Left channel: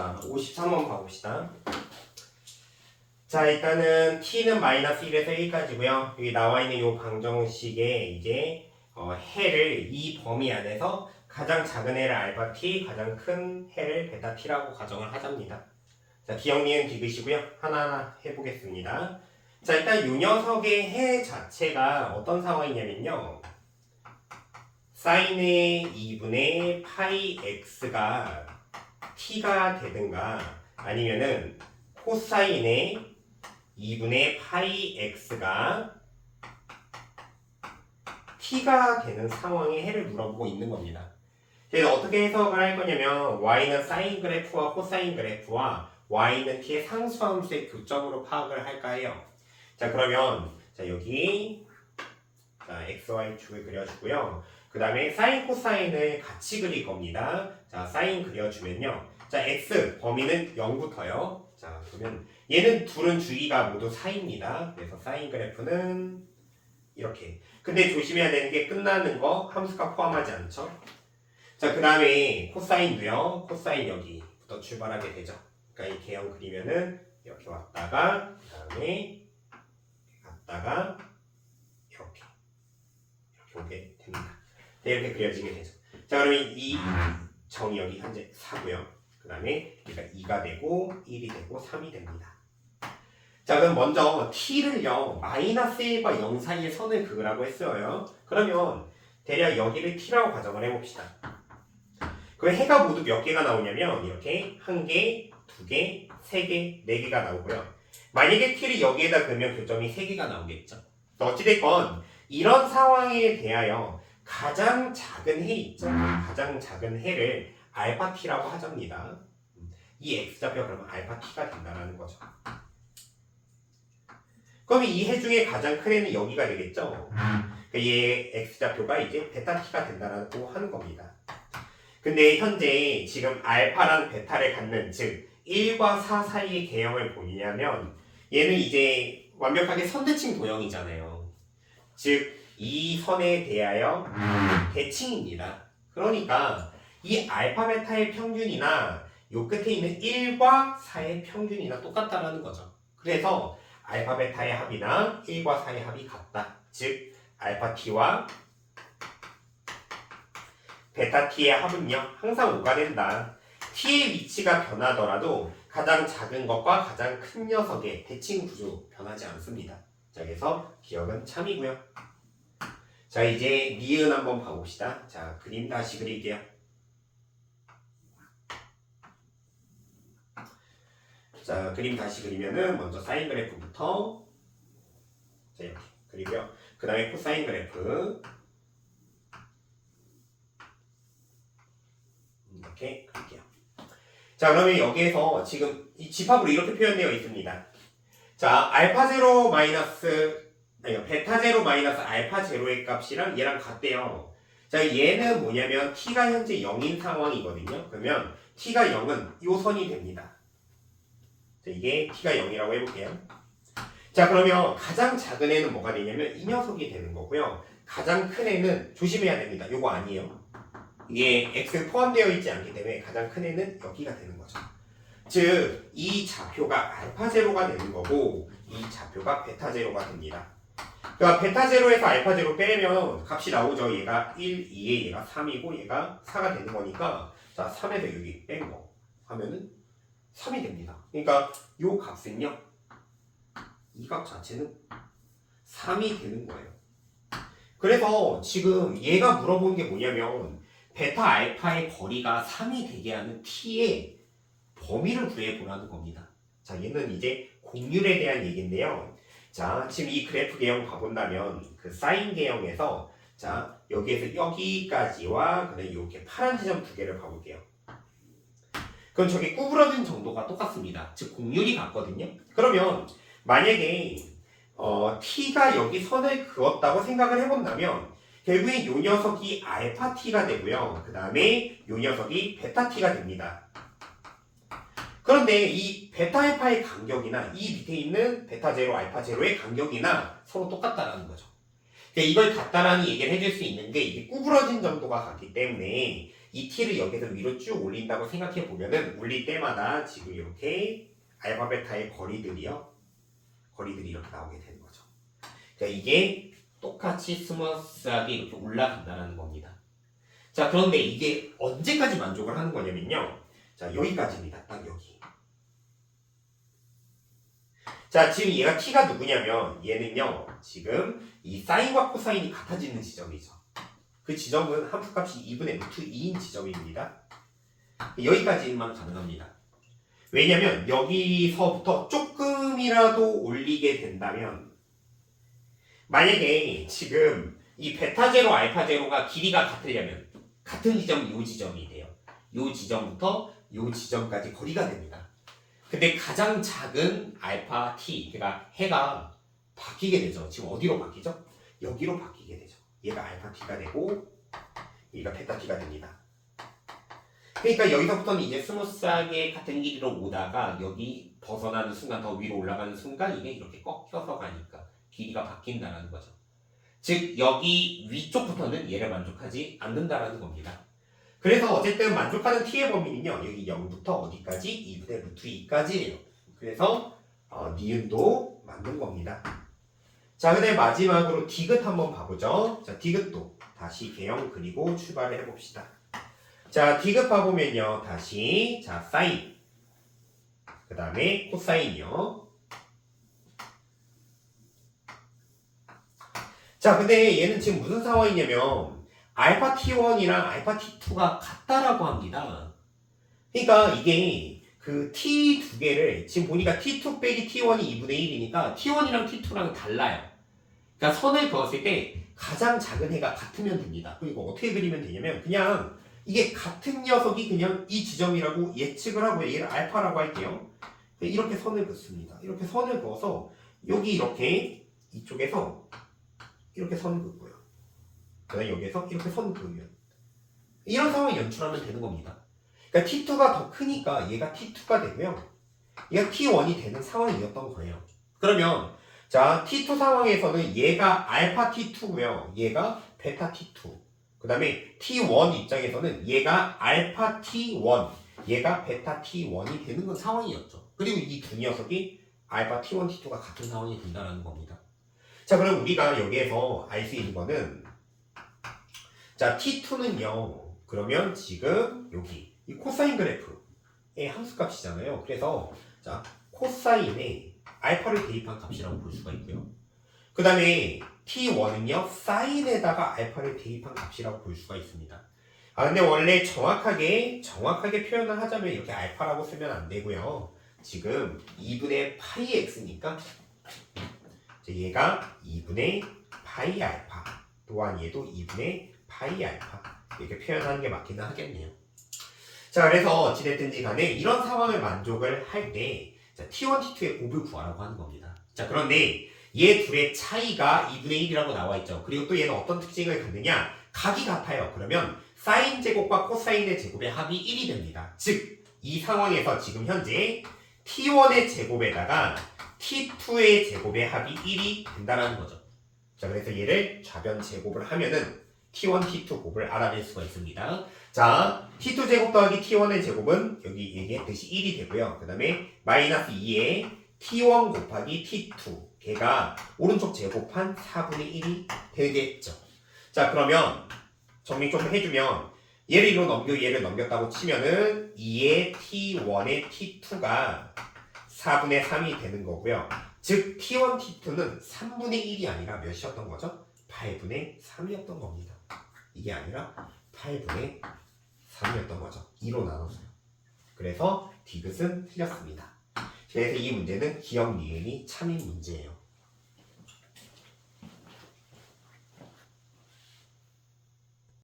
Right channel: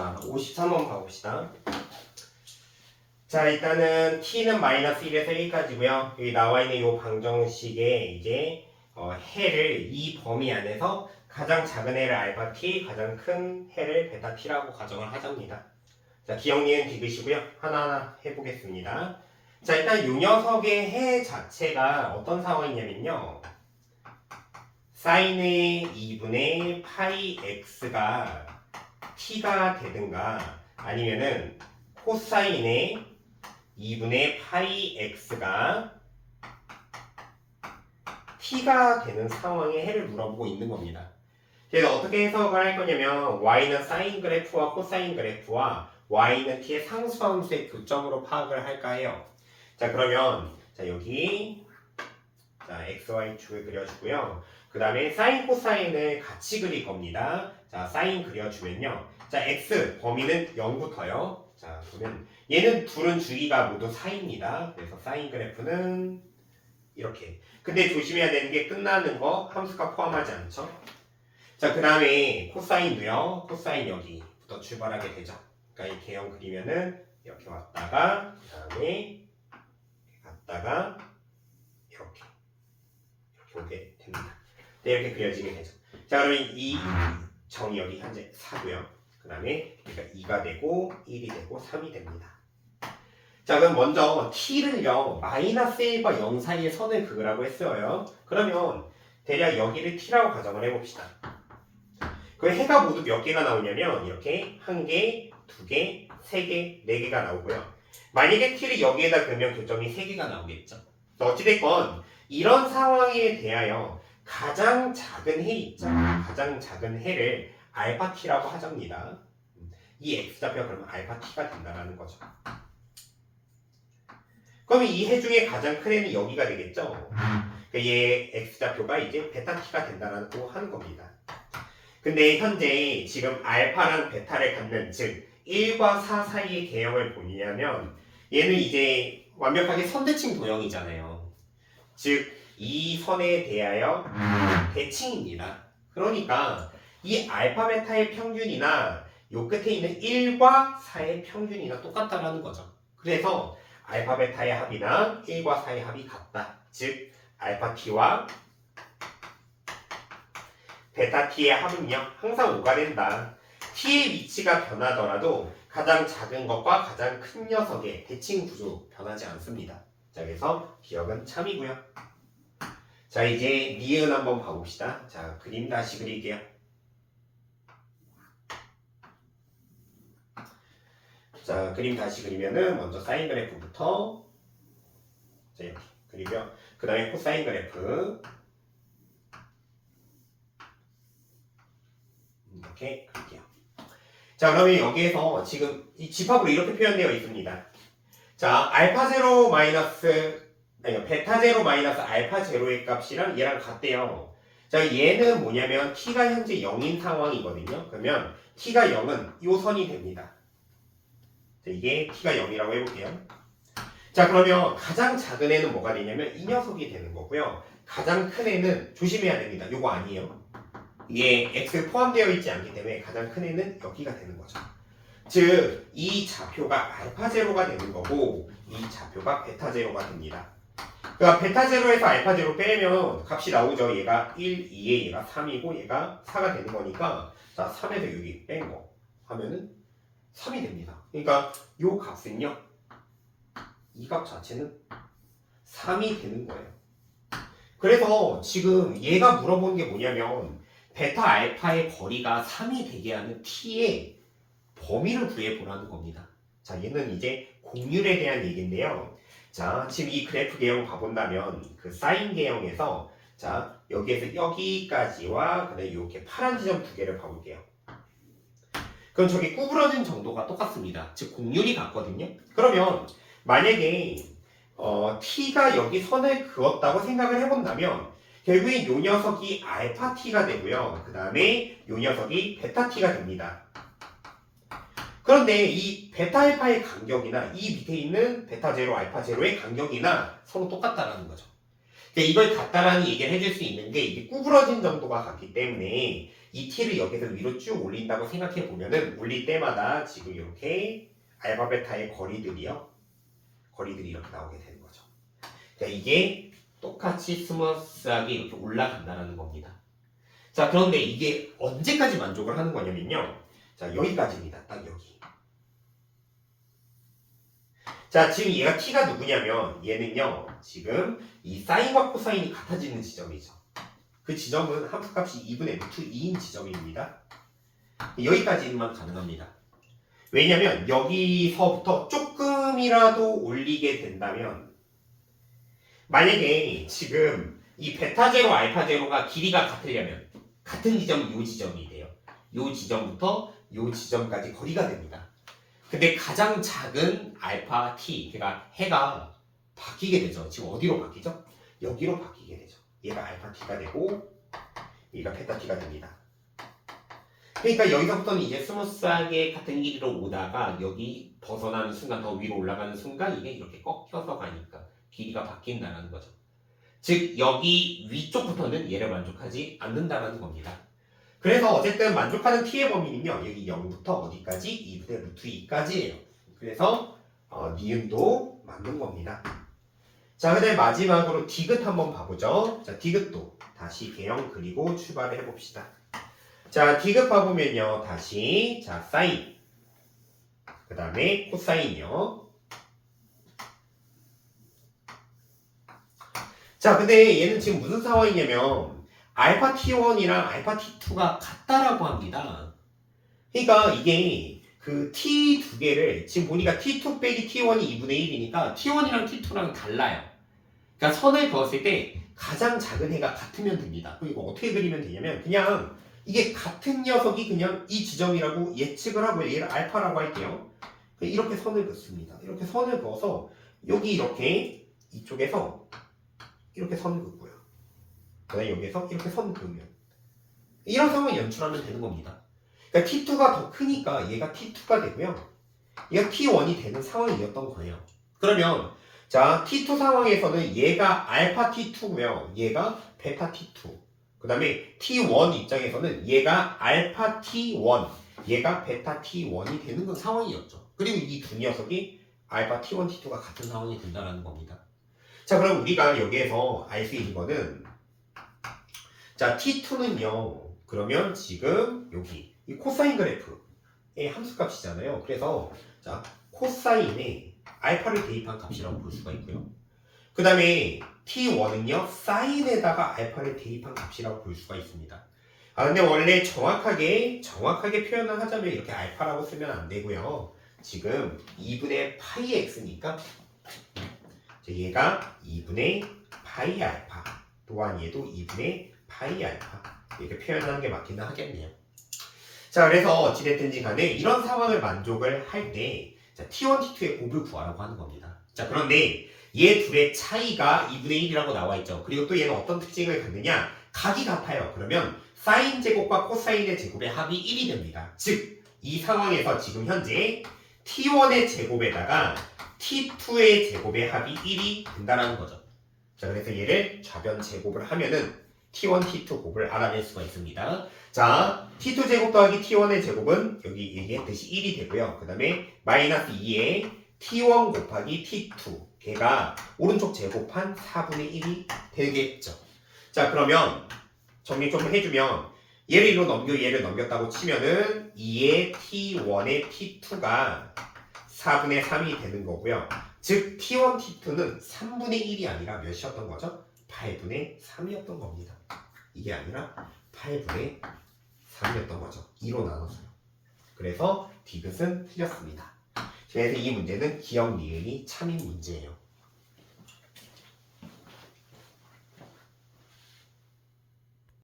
자, 53번 가봅시다. 자, 일단은 t는 마이너스 1에서 1까지고요. 여기 나와 있는 이 방정식에 이제 해를 이 범위 안에서 가장 작은 해를 알파 t, 가장 큰 해를 베타 t라고 가정을 하자입니다. 자, 기억니은 디귿이고요. 하나하나 해보겠습니다. 자, 일단 이 녀석의 해 자체가 어떤 상황이냐면요. 사인의 2분의 파이 x가 t가 되든가 아니면은 코사인의 2분의 파이 x가 t가 되는 상황의 해를 물어보고 있는 겁니다. 그래서 어떻게 해석을 할 거냐면 y는 사인 그래프와 코사인 그래프와 y는 t의 상수함수의 교점으로 파악을 할까 해요. 자, 그러면 자, 여기 자, xy축을 그려주고요. 그 다음에 사인 코사인을 같이 그릴 겁니다. 자, 사인 그려주면요. 자, x 범위는 0부터요. 자, 그러면 얘는 둘은 주기가 모두 4입니다. 그래서 사인 그래프는 이렇게. 근데 조심해야 되는 게 끝나는 거 함수가 포함하지 않죠. 자, 그 다음에 코사인도요. 코사인 여기부터 출발하게 되죠. 그러니까 이 개형 그리면은 이렇게 왔다가 그 다음에 갔다가 이렇게 오게 됩니다. 네, 이렇게 그려지게 되죠. 자, 그러면 이 정이 여기 현재 4고요. 그 다음에 그러니까 2가 되고 1이 되고 3이 됩니다. 자, 그럼 먼저 t를요 마이너스 1과 0 사이의 선을 그으라고 했어요. 그러면 대략 여기를 t라고 가정을 해봅시다. 그 해가 모두 몇 개가 나오냐면 이렇게 1개, 2개, 3개, 4개가 나오고요. 만약에 t를 여기에다 그으면 교점이 3개가 나오겠죠. 어찌됐건 이런 상황에 대하여 가장 작은 해 있죠. 가장 작은 해를 알파 t라고 하자입니다. 이 x좌표가 그러면 알파 t가 된다는 거죠. 그럼 이 해 중에 가장 큰 해는 여기가 되겠죠. 얘 x좌표가 이제 베타 t가 된다고 하는 겁니다. 근데 현재 지금 알파랑 베타를 갖는 즉 1과 4 사이의 개형을 보이냐면 얘는 이제 완벽하게 선대칭 도형이잖아요. 즉 이 선에 대하여 대칭입니다. 그러니까 이 알파 베타의 평균이나 요 끝에 있는 1과 4의 평균이나 똑같다라는 거죠. 그래서 알파 베타의 합이나 1과 4의 합이 같다. 즉 알파 t와 베타 t의 합은요 항상 5가 된다. t의 위치가 변하더라도 가장 작은 것과 가장 큰 녀석의 대칭 구조 변하지 않습니다. 자, 그래서 기억은 참이고요. 자, 이제 니은 한번 봐봅시다. 자, 그림 다시 그릴게요. 자, 그림 다시 그리면은 먼저 사인 그래프부터 자, 이렇게 그리고요. 그 다음에 코사인 그래프 이렇게 그릴게요. 자, 그러면 여기에서 지금 이 집합으로 이렇게 표현되어 있습니다. 자, 알파 제로 마이너스 아니 베타 제로 마이너스 알파 제로의 값이랑 얘랑 같대요. 자, 얘는 뭐냐면 t가 현재 0인 상황이거든요. 그러면 t가 0은 요 선이 됩니다. 자, 이게 t가 0이라고 해볼게요. 자, 그러면 가장 작은 애는 뭐가 되냐면 이 녀석이 되는 거고요. 가장 큰 애는 조심해야 됩니다. 요거 아니에요. 이게 x 포함되어 있지 않기 때문에 가장 큰 애는 여기가 되는 거죠. 즉, 이 좌표가 알파 제로가 되는 거고 이 좌표가 베타 제로가 됩니다. 그러니까 베타 제로에서 알파 제로 빼면 값이 나오죠. 얘가 1, 2에 얘가 3이고 얘가 4가 되는 거니까 자, 3에서 여기 뺀 거 하면은 3이 됩니다. 그러니까 요 값은요. 이 값 자체는 3이 되는 거예요. 그래서 지금 얘가 물어보는 게 뭐냐면 베타 알파의 거리가 3이 되게 하는 t의 범위를 구해보라는 겁니다. 자, 얘는 이제 곡률에 대한 얘기인데요. 자, 지금 이 그래프 개형 가본다면 그 사인 개형에서 자, 여기에서 여기까지와 그다음에 이렇게 파란 지점 두 개를 봐볼게요. 그럼 저게 구부러진 정도가 똑같습니다. 즉 곡률이 같거든요. 그러면 만약에 t가 여기 선을 그었다고 생각을 해본다면 결국에 요 녀석이 알파 t가 되고요. 그 다음에 요 녀석이 베타 t가 됩니다. 그런데 이 베타 알파의 간격이나 이 밑에 있는 베타 제로 알파 제로의 간격이나 서로 똑같다라는 거죠. 이걸 같다라는 얘기를 해줄 수 있는 게 이게 구부러진 정도가 같기 때문에 이 t를 여기서 위로 쭉 올린다고 생각해 보면은 올릴 때마다 지금 이렇게 알파 베타의 거리들이 이렇게 나오게 되는 거죠. 이게 똑같이 스무스하게 이렇게 올라간다는 겁니다. 자, 그런데 이게 언제까지 만족을 하는 거냐면요. 자, 여기까지입니다. 딱 여기. 자, 지금 얘가 t가 누구냐면 얘는요. 지금 이 사인과 코사인이 같아지는 지점이죠. 그 지점은 함수값이 2분의 루트 2인 지점입니다. 여기까지만 가능합니다. 왜냐면 여기서부터 조금이라도 올리게 된다면 만약에 지금 이 베타 제로 알파 제로가 길이가 같으려면 같은 지점이 이 지점이 돼요. 이 지점부터 이 지점까지 거리가 됩니다. 근데 가장 작은 알파 t, 그러니까 해가 바뀌게 되죠. 지금 어디로 바뀌죠? 여기로 바뀌게 되죠. 얘가 알파 t가 되고 얘가 베타 t가 됩니다. 그러니까 여기서부터는 이제 스무스하게 같은 길이로 오다가 여기 벗어나는 순간, 더 위로 올라가는 순간 이게 이렇게 꺾여서 가니까 길이가 바뀐다는 거죠. 즉 여기 위쪽부터는 얘를 만족하지 않는다는 겁니다. 그래서 어쨌든 만족하는 t의 범위는요. 여기 0부터 어디까지? 2분의 루트 2까지예요. 그래서 니은도 맞는 겁니다. 자, 그 다음에 마지막으로 디귿 한번 봐보죠. 자, 디귿도 다시 개형 그리고 출발을 해봅시다. 자, 디귿 봐보면요. 다시 자 사인 그 다음에 코사인이요. 자, 근데 얘는 지금 무슨 상황이냐면 알파 t1이랑 알파 t2가 같다라고 합니다. 그러니까 이게 그 t 두 개를 지금 보니까 t2 빼기 t1이 2분의 1이니까 t1이랑 t2랑 달라요. 그러니까 선을 그었을 때 가장 작은 해가 같으면 됩니다. 그리고 어떻게 그리면 되냐면 그냥 이게 같은 녀석이 그냥 이 지점이라고 예측을 하고 얘를 알파라고 할게요. 이렇게 선을 긋습니다. 이렇게 선을 그어서 여기 이렇게 이쪽에서 이렇게 선을 긋고요. 그다음에 여기에서 이렇게 선을 그으면 이런 상황을 연출하면 되는 겁니다. 그러니까 T2가 더 크니까 얘가 T2가 되고요. 얘가 T1이 되는 상황이었던 거예요. 그러면 자 T2 상황에서는 얘가 알파 T2고요. 얘가 베타 T2. 그 다음에 T1 입장에서는 얘가 알파 T1, 얘가 베타 T1이 되는 건 상황이었죠. 그리고 이 두 녀석이 알파 T1, T2가 같은 상황이 된다는 겁니다. 자, 그럼 우리가 여기에서 알 수 있는 거는 자, T2는요. 그러면 지금 여기 이 코사인 그래프의 함수값이잖아요. 그래서 자, 코사인에 알파를 대입한 값이라고 볼 수가 있고요. 그 다음에 T1은요. 사인에다가 알파를 대입한 값이라고 볼 수가 있습니다. 아, 근데 원래 정확하게 표현을 하자면 이렇게 알파라고 쓰면 안 되고요. 지금 2분의 파이 x니까 얘가 2분의 파이 알파 또한 얘도 2분의 파이 알파 이렇게 표현하는 게 맞기는 하겠네요. 자, 그래서 어찌됐든지 간에 이런 상황을 만족을 할 때 T1, T2의 곱을 구하라고 하는 겁니다. 자, 그런데 얘 둘의 차이가 2분의 1이라고 나와 있죠. 그리고 또 얘는 어떤 특징을 갖느냐? 각이 같아요. 그러면 사인 제곱과 코사인의 제곱의 합이 1이 됩니다. 즉, 이 상황에서 지금 현재 T1의 제곱에다가 T2의 제곱의 합이 1이 된다는 거죠. 자, 그래서 얘를 좌변 제곱을 하면은 T1, T2 곱을 알아낼 수가 있습니다. 자, T2 제곱 더하기 T1의 제곱은 여기 얘기했듯이 1이 되고요. 그 다음에 마이너스 2에 T1 곱하기 T2 걔가 오른쪽 제곱한 4분의 1이 되겠죠. 자, 그러면 정리 좀 해주면 얘를 얘를 넘겼다고 치면은 2의 T1의 T2가 4분의 3이 되는 거고요. 즉 T1, T2는 3분의 1이 아니라 몇이었던 거죠? 8분의 3이었던 겁니다. 이게 아니라 8분의 3이었던 거죠. 2로 나눠서요. 그래서 디귿은 틀렸습니다. 그래서 이 문제는 기억 니은이 참인 문제예요.